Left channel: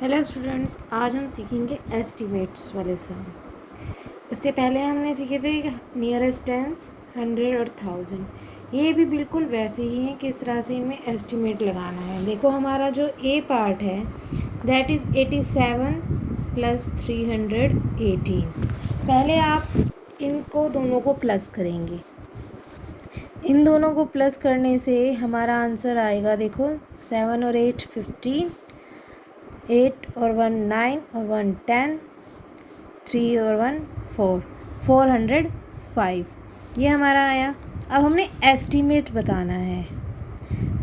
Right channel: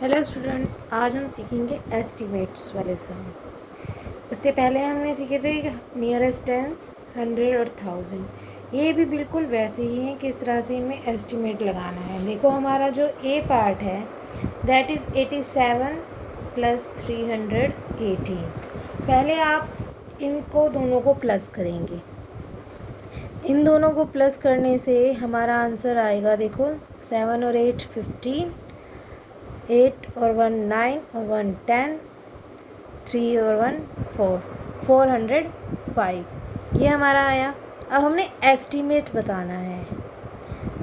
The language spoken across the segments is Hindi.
हेलो स्टूडेंट्स, आज हम सीखेंगे एस्टिमेट्स वाले सम। उससे पहले हमने सीखे थे नियरेस्ट टेंस, 100 और 1000। ये भी बिल्कुल वैसे ही हैं किस तरह से इनमें एस्टिमेट लगाना है। देखो हमारा जो ए पार्ट है दैट इज़ 87 प्लस 318। पहले आप इनको दोनों को प्लस करेंगे। इन दोनों को प्लस करने से हमारा आंसर आएगा, देखो 7 और 8 15, 8 और 1 9 और 1 10, 3 और 1 4, 405 ये हमारा आया। अब हमने एस्टीमेट बताना है।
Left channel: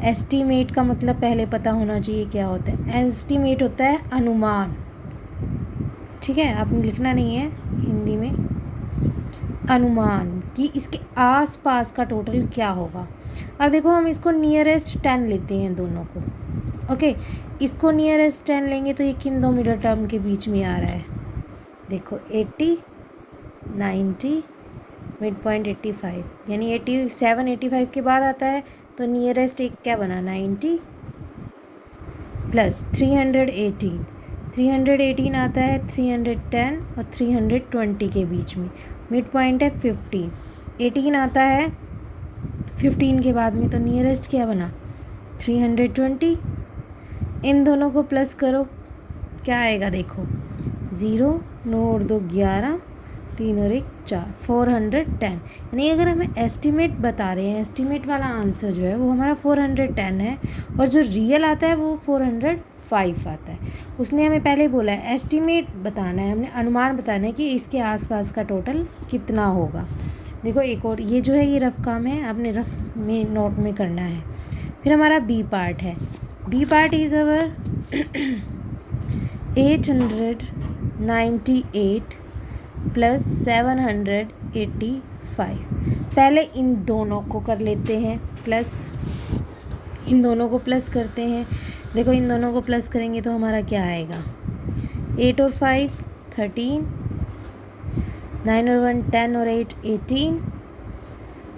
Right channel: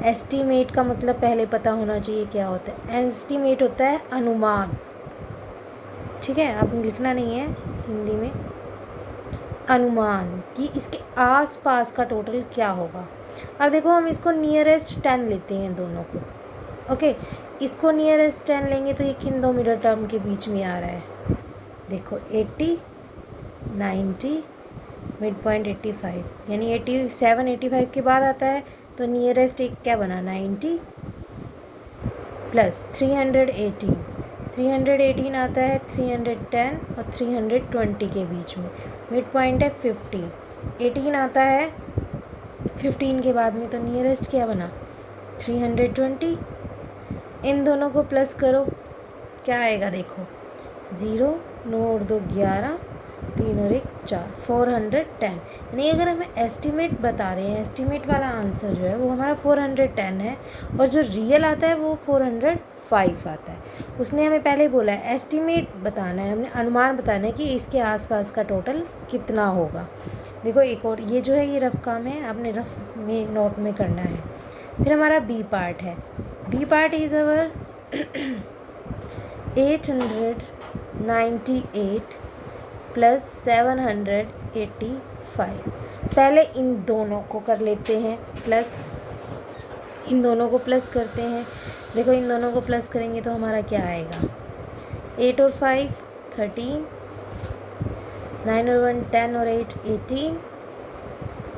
एस्टीमेट का मतलब पहले पता होना चाहिए क्या होता है। एस्टीमेट होता है अनुमान, ठीक है, आपने लिखना नहीं है हिंदी में। अनुमान कि इसके आस पास का टोटल क्या होगा। अब देखो हम इसको नियरेस्ट 10 लेते हैं दोनों को। ओके, इसको नियरेस्ट 10 लेंगे तो ये किन दो मिडल टर्म के बीच में आ रहा है। देखो 80 90 मिड पॉइंट 85, यानी 87 85 के बाद आता है तो नियरेस्ट एक क्या बना 90 प्लस 318। 318 आता है 310 और 320 के बीच में। मिड पॉइंट है 15। 18 आता है 15 के बाद में तो नियरेस्ट क्या बना 320। इन दोनों को प्लस करो, क्या आएगा देखो 0 9 और 2 11, 3 और 1 4, 410। यानी अगर हमें एस्टीमेट बता रहे हैं, एस्टीमेट वाला आंसर जो है वो हमारा 410 है और जो रियल आता है वो 405 आता है। उसने हमें पहले बोला है एस्टीमेट बताना है, हमने अनुमान बताना है कि इसके आसपास का टोटल कितना होगा। देखो एक और ये जो है ये रफ काम है, आपने रफ में नोट में करना है। फिर हमारा बी पार्ट है। B part is our 898 plus 785। पहले इन दोनों को कर लेते हैं प्लस, इन दोनों को प्लस करते हैं। देखो इन दोनों को प्लस करेंगे तो हमारा क्या आएगा 8 और 5 13, 9 और 1 10 और 8 18,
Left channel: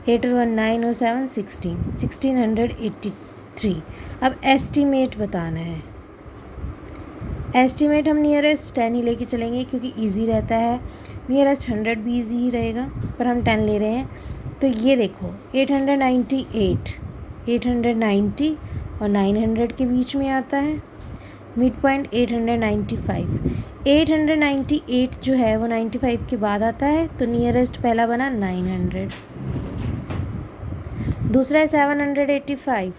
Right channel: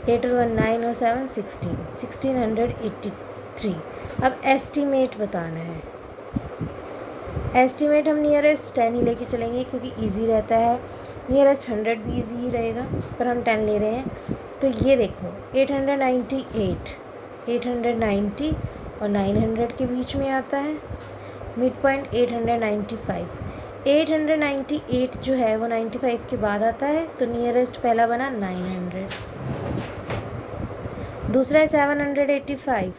8 और 1 9 और 7 16, 1683। अब एस्टीमेट बताना है। एस्टीमेट हम नियरेस्ट 10 ही लेके चलेंगे क्योंकि इजी रहता है। नियरेस्ट 100 भी इजी ही रहेगा, पर हम 10 ले रहे हैं। तो ये देखो 898, 890 और 900 के बीच में आता है। Mid point 895। 898 जो है वो 95 के बाद आता है तो नियरेस्ट पहला बना 900। दूसरा है 785,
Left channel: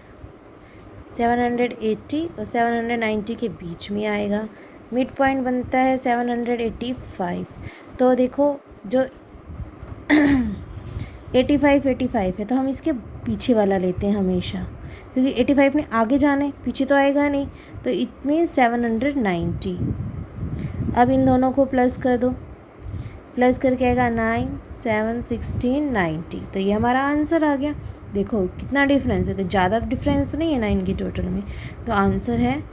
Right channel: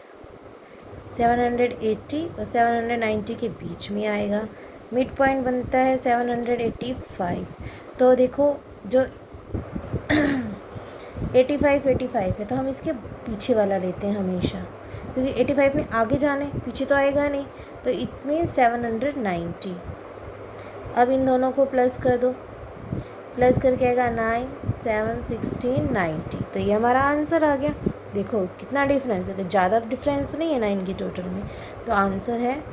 780 और 790 के बीच में आएगा। मिड पॉइंट बनता है 785। तो देखो जो 85 है तो हम इसके पीछे वाला लेते हैं हमेशा, क्योंकि 85 ने आगे जाना है, पीछे तो आएगा नहीं। तो इट मीन 790। अब इन दोनों को प्लस कर दो, प्लस करके आएगा 9 7 16 90। तो ये हमारा आंसर आ गया। देखो कितना डिफरेंस है, तो ज़्यादा डिफरेंस तो नहीं है ना इनकी टोटल में। तो आंसर है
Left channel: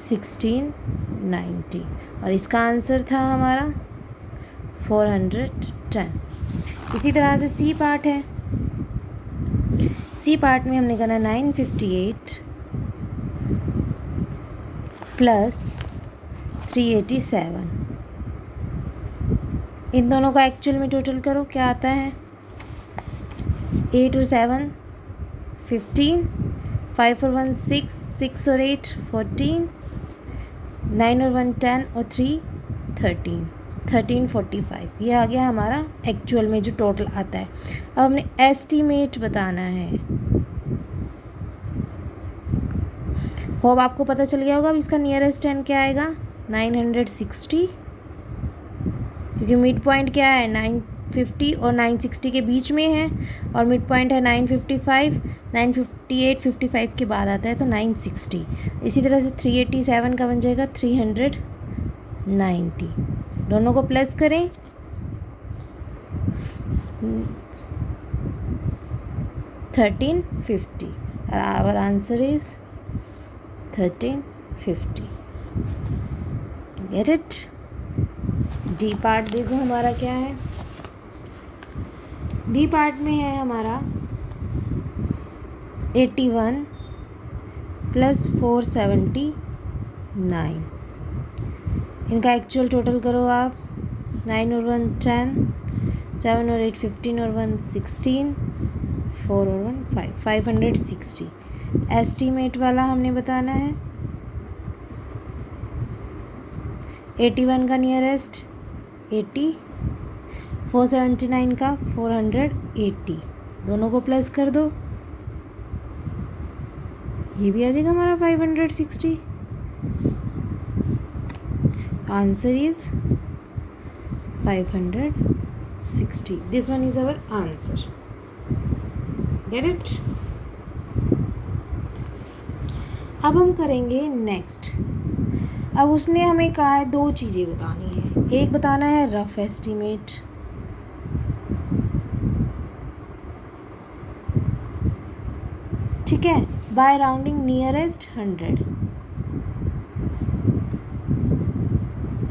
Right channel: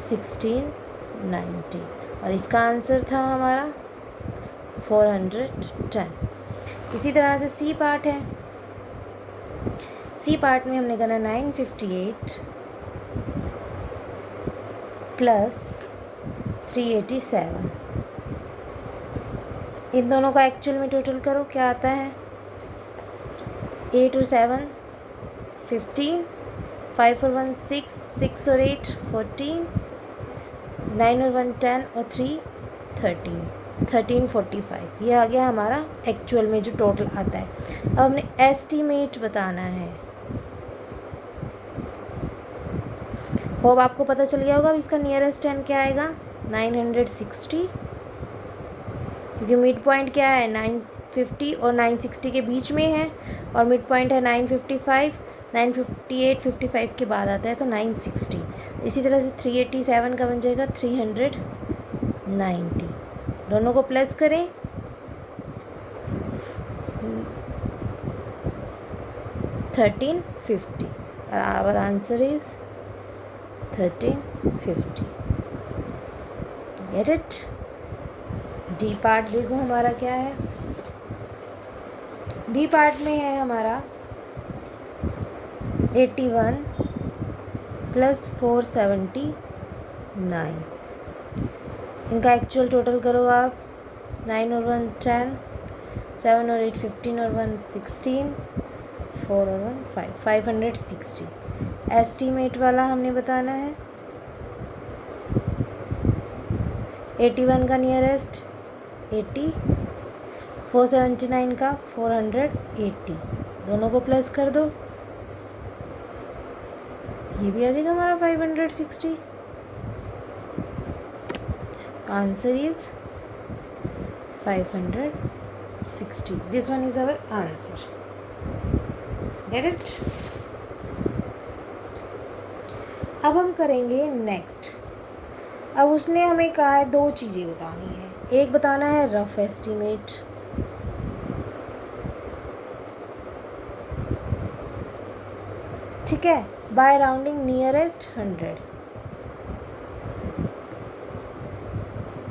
1690 और इसका आंसर था हमारा 410। इसी तरह से सी पार्ट है। सी पार्ट में हमने करना 958 प्लस 387। इन दोनों का एक्चुअल में टोटल करो क्या आता है 8 और 7 15, 5 और 1 6, 6 और 8 14, 9 और 1 10 और 3 13, 1345। ये आ गया हमारा एक्चुअल में जो टोटल आता है। अब हमने एस्टीमेट बताना है। होप आपको पता चल गया होगा। अब इसका नियरेस्ट 10 क्या आएगा 960, क्योंकि मिड पॉइंट क्या है 950 और 960 के बीच में है और मिड पॉइंट है 955, 958 55 के बाद आता है तो 960। इसी तरह से 387 का बन जाएगा 390। दोनों को प्लस करें, $1350 और our answer is 1350। Get it. D part देखो हमारा क्या है। डी पार्ट में है हमारा 81 प्लस 470 9। इनका एक्चुअल टोटल करो आप। 9 और 1 10, 7 और 8 15 और 1 16, 4 और 1 5, 560। एस्टीमेट वाला हमने बताना है। 81 का नियरेस्ट 80, 479 का 480, दोनों को प्लस कर दो, ये भी आ जाएगा हमारा 560। Answer is 560। This one is our answer. Get it? अब हम करेंगे नेक्स्ट। अब उसने हमें कहा है 2 चीज़ें बतानी है। एक बताना है रफ एस्टीमेट, ठीक है, बाय राउंडिंग नियरेस्ट 100,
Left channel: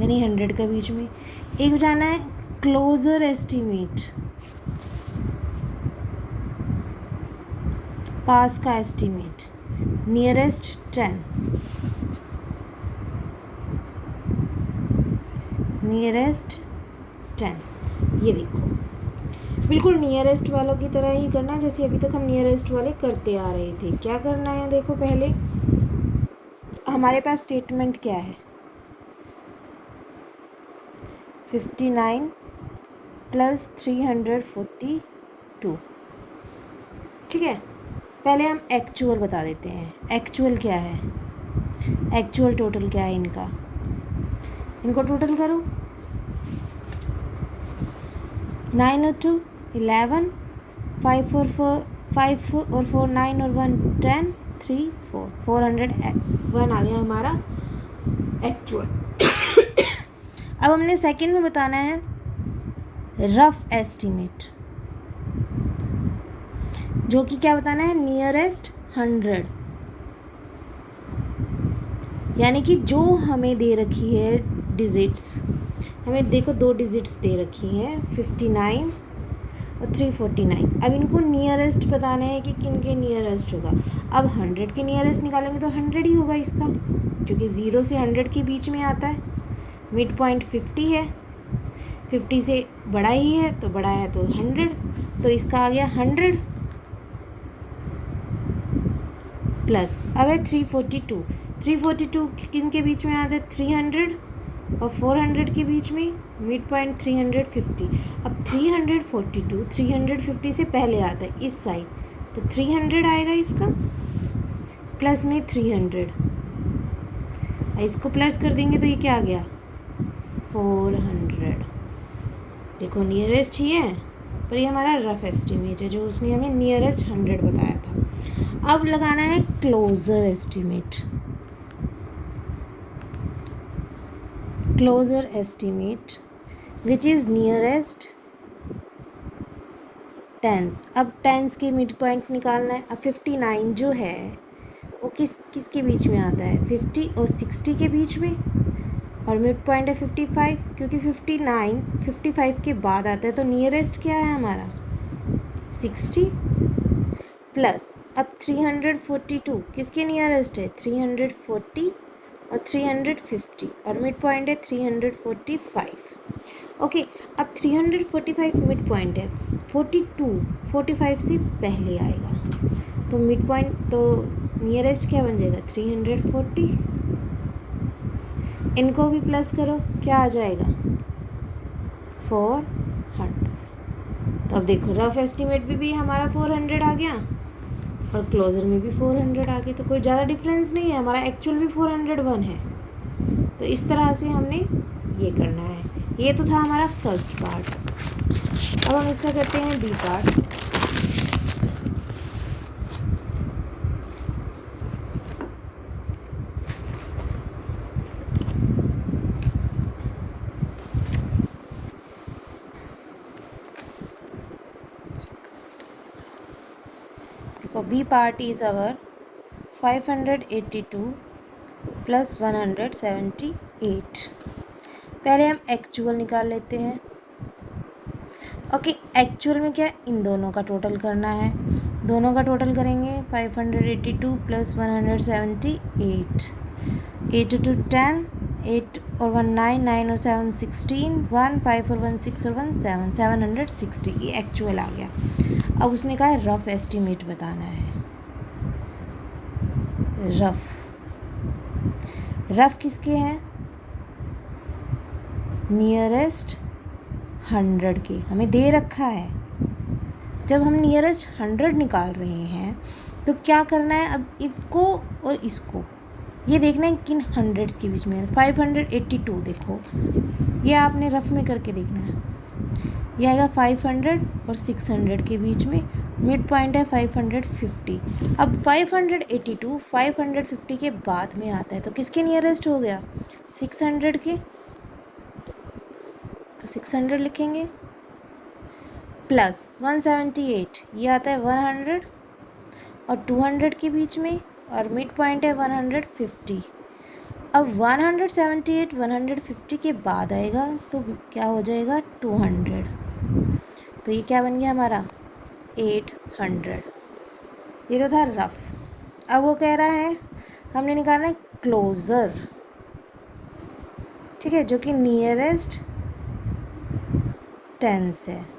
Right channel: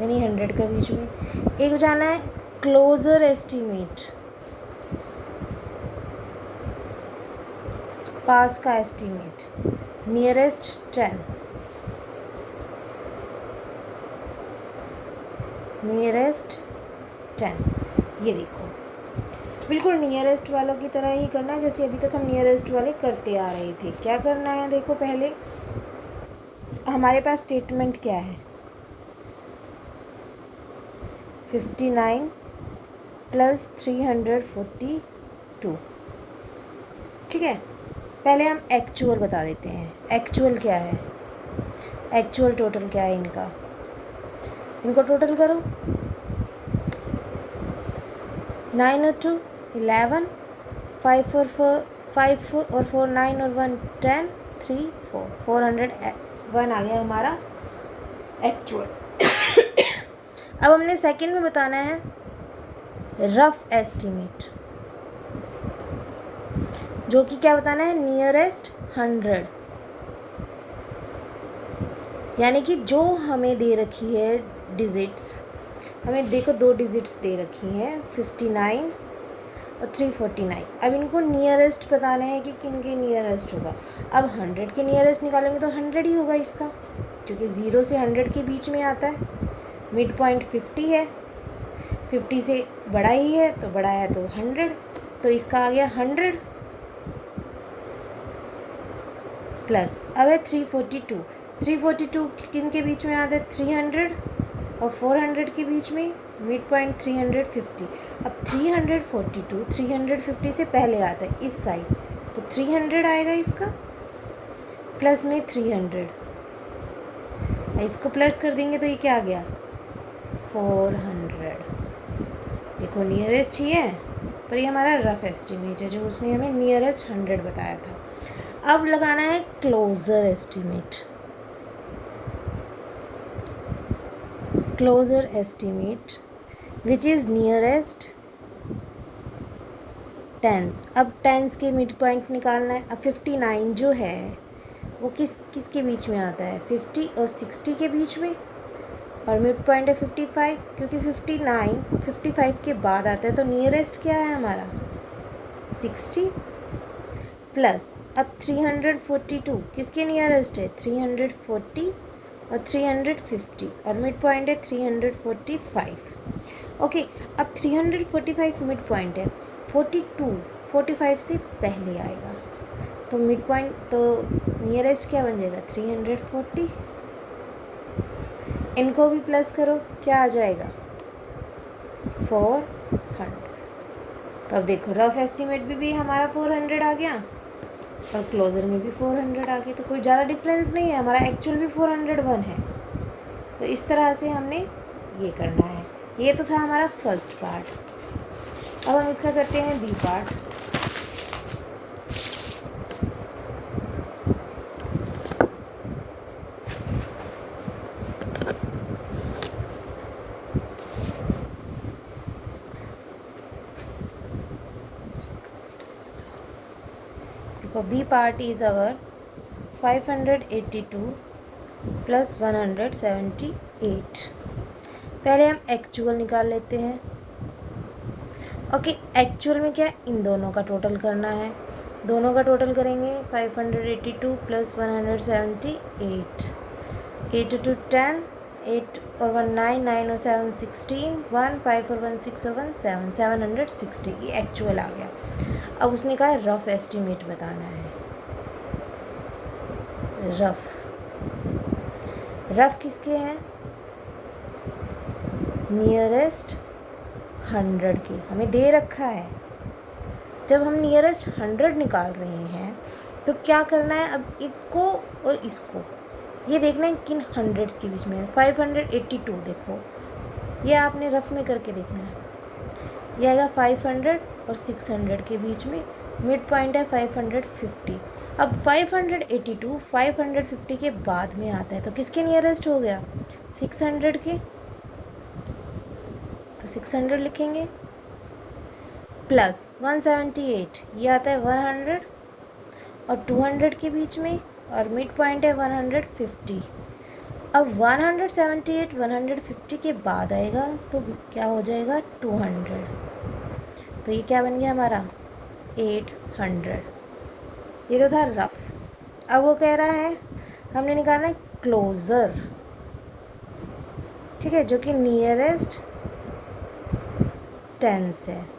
यानी 100 के बीच में। एक बताना है क्लोजर एस्टीमेट, पास का एस्टीमेट, नियरेस्ट 10, नियरेस्ट 10। ये देखो बिल्कुल नियरेस्ट वालों की तरह ही करना है जैसे अभी तक हम नियरेस्ट वाले करते आ रहे थे। क्या करना है देखो, पहले हमारे पास स्टेटमेंट क्या है, 59 प्लस 342, ठीक है। पहले हम एक्चुअल बता देते हैं। एक्चुअल क्या है, एक्चुअल टोटल क्या है इनका, इनको टोटल करो। 9 और 2 11, 5 और 4 9 और 1 10, 3 4, 401 आ गया हमारा एक्चुअल। अब हमने सेकंड में बताना है रफ एस्टीमेट, जो कि क्या बताना है, नियरेस्ट 100, यानी कि जो हमें दे रखी है डिजिट्स, हमें देखो 2 डिजिट्स दे रखी हैं 59 और 349। अब इनको नियरेस्ट बताना है कि किन के नियरेस्ट होगा। अब 100 के नियरेस्ट निकालेंगे तो 100 ही होगा इसका, क्योंकि 0 से 100 के बीच में आता है। मिड पॉइंट 50 है, 50 से बड़ा ही है तो बड़ा है तो 100, तो इसका आ गया 100 प्लस। अब है 342, 342 किन के बीच में आता है, 300 और 400 के बीच में, मिड पॉइंट 350। अब 342 350 से पहले आता है इस साइड, तो 300 आएगा इसका, प्लस में 300, इसको प्लस कर देंगे तो ये क्या आ गया 400। देखो नियरेस्ट ही है पर ये हमारा रफ एस्टीमेट है, जो उसने हमें नियरेस्ट 100 बताया था। अब लगाना है closer estimate, closer estimate which is nearest tens. अब टेंस के मिड पॉइंट निकालना है। अब 59 जो है वो किसके बीच में आता है, 50 और 60 के बीच में, और मिड पॉइंट है 55, क्योंकि 59 55 के बाद आता है, तो नियरेस्ट क्या है हमारा 60 प्लस। अब 342 किसके नियरेस्ट है, 340 और 350, और मिड पॉइंट है 345। ओके, अब 345 मिड पॉइंट है, 42 45 से पहले आएगा, तो मिड पॉइंट तो नियरेस्ट क्या बन जाएगा 340। इनको भी प्लस करो, क्या आ जाएगा 400। तो अब देखो रफ एस्टीमेट में भी हमारा 400 आ गया और क्लोजर में भी 400 आ गया, तो कोई ज़्यादा डिफरेंस नहीं है, हमारा एक्चुअल भी 401 है। तो इस तरह से हमने ये करना है। ये तो था हमारा फर्स्ट पार्ट। अब हम इसका करते हैं बी पार्ट। देखो B part is our 582 plus 178। पहले हम एक्चुअल निकाल लेते हैं। ओके, एक्चुअल में क्या इन दोनों का टोटल करना है, दोनों का टोटल करेंगे 582 प्लस 178। 8 टू 10, 8 और 1 9, 9 और 7 16, 1 5 और 1 6 और 1 7, 760 ये एक्चुअल आ गया। अब उसने कहा है रफ एस्टिमेट बताना है। रफ किसके हैं? नियरेस्ट 100 के हमें दे रखा है। जब हम नियरेस्ट 100 निकाल रहे हैं तो क्या करना है? अब इसको और इसको ये देखना है किन हंड्रेड्स के बीच में है। 582 देखो, ये आपने रफ में करके देखना है। ये आएगा 500 और 600 के बीच में, मिड पॉइंट है 550। अब 582 550 के बाद में आता है तो किसके नियरेस्ट हो गया? 600 के, तो 600 लिखेंगे प्लस 178 ये आता है 100 और 200 के बीच में, और मिड पॉइंट है 150। अब 178 150 के बाद आएगा तो क्या हो जाएगा? 200। तो ये क्या बन गया हमारा? 800। ये तो था रफ। अब वो कह रहा है हमने निकालना है क्लोज़र, ठीक है, जो कि नियरेस्ट टेंस है।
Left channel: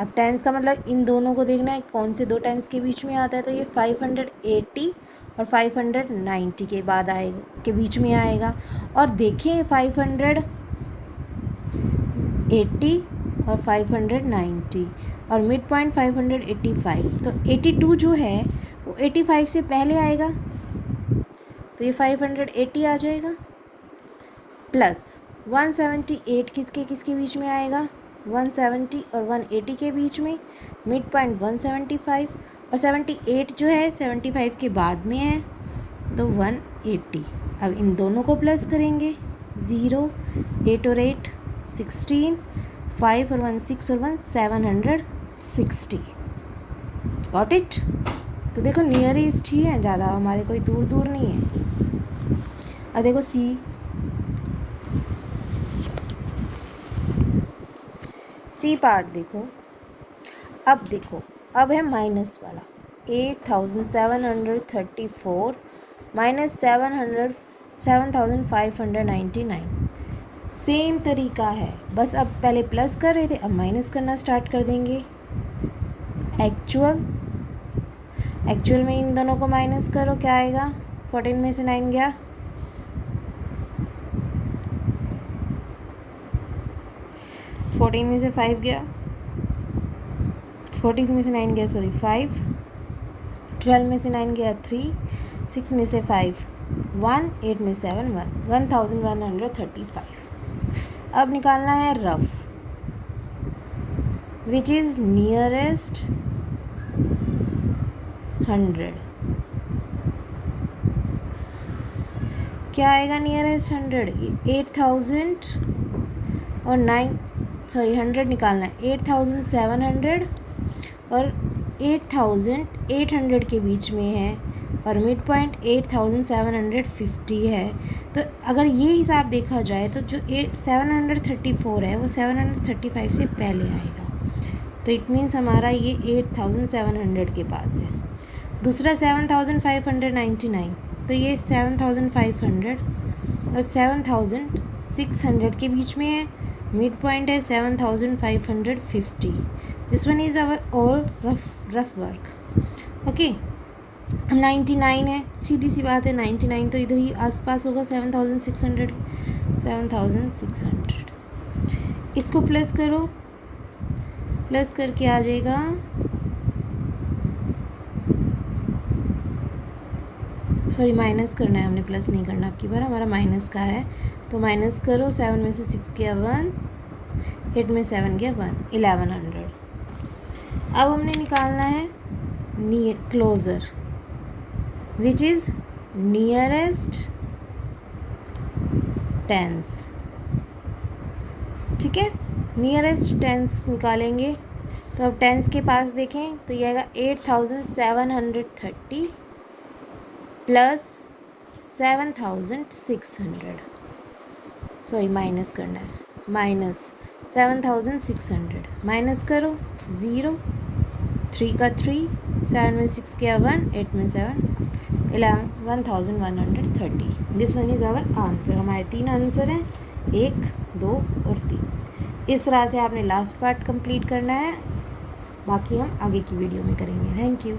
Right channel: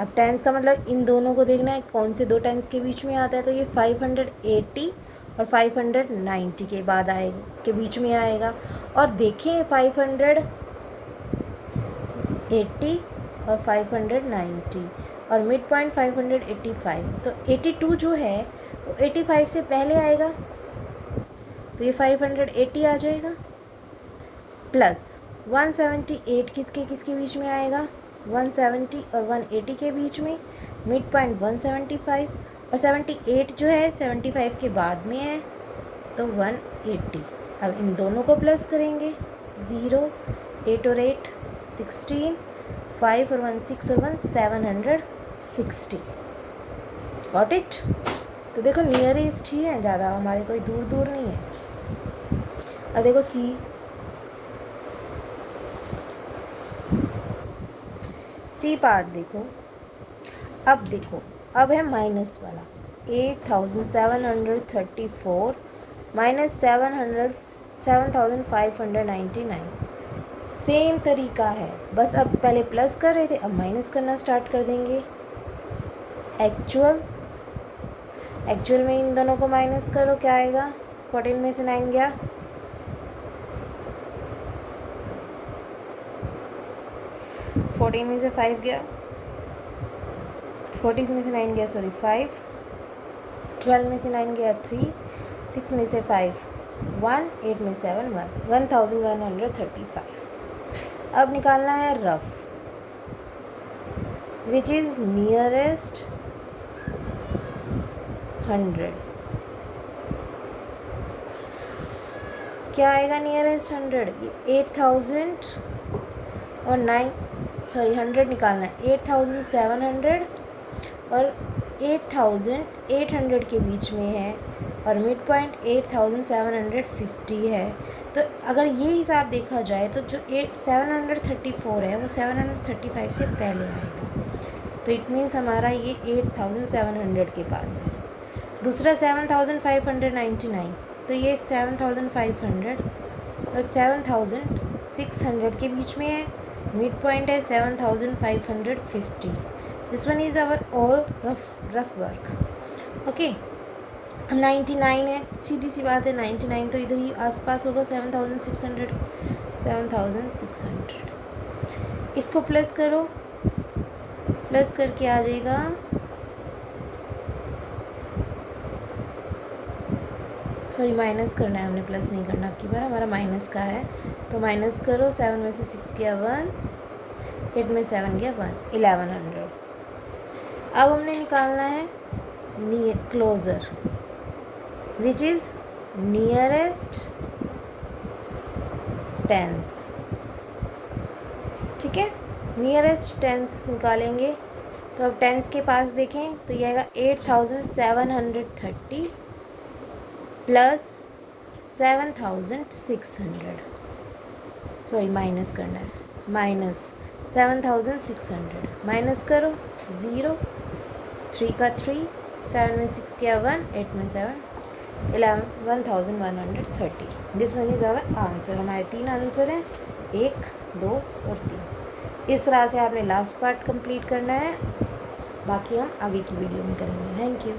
अब टेंस का मतलब इन दोनों को देखना है कौन से दो टेंस के बीच में आता है। तो ये 580 और 590 के बाद आएगा, के बीच में आएगा। और देखें 580 और 590 और मिड पॉइंट 585, तो 82 जो है वो 85 से पहले आएगा, तो ये 580 आ जाएगा प्लस 178 किसके बीच में आएगा? 170 और 180 के बीच में, मिड पॉइंट 175 और 78 जो है 75 के बाद में है तो 180। अब इन दोनों को प्लस करेंगे, 0 8 और 8 16, 5 और 1 6 और 1 760। Got it? तो देखो नियरेस्ट ही है, ज़्यादा हमारे कोई दूर दूर नहीं है। अब देखो सी पार्ट देखो। अब देखो, अब है माइनस वाला 8734 माइनस 7599। सेम तरीका है, बस अब पहले प्लस कर रहे थे, अब माइनस करना स्टार्ट कर देंगे। एक्चुअल में इन दोनों को माइनस करो, क्या आएगा? 14 में से 9 गया, 14 में से 5 गया, 14 में से 9 गया, सॉरी 5, 12 में से 9 गया 3, 6 में से 5 1, 8 में 7 1, 1135। अब निकालना है रफ, विच इज़ नियरेस्ट 100। क्या आएगा नियरेस्ट 100? 8000 और 100 निकालना है। 8700 और 8800 के बीच में है, और मिड पॉइंट 8750 है। तो अगर ये हिसाब देखा जाए तो जो 734 है वो 735 से पहले आएगा, तो इट मीन्स हमारा ये 8700 के पास है। दूसरा 7599, तो ये 7500 और 7600 के बीच में है, मिड पॉइंट है 7550। This one is our all rough work. Okay, 99 है, सीधी सी बात है 99 तो इधर ही आसपास होगा 7600। इसको प्लस करो, प्लस करके आ जाएगा सॉरी माइनस करना है, हमने प्लस नहीं करना की बार, हमारा माइनस का है। तो माइनस करो, 7 में से 6 गया 1, 8 में 7 गया 1, 1100। अब हमने निकालना है closer, which is nearest tens. ठीक है, नियरेस्ट टेंस निकालेंगे तो अब टेंस के पास देखें तो ये आएगा 8730 प्लस 7600, सॉरी माइनस करना है, माइनस 7600, माइनस करो 0, 3 का 3, 7 में 6 गया 1, 8 में 7, 1130। This one is our answer. हमारे 3 आंसर हैं, 1, 2 और 3। इस तरह से आपने लास्ट पार्ट कंप्लीट करना है, बाकी हम आगे की वीडियो में करेंगे। Thank you.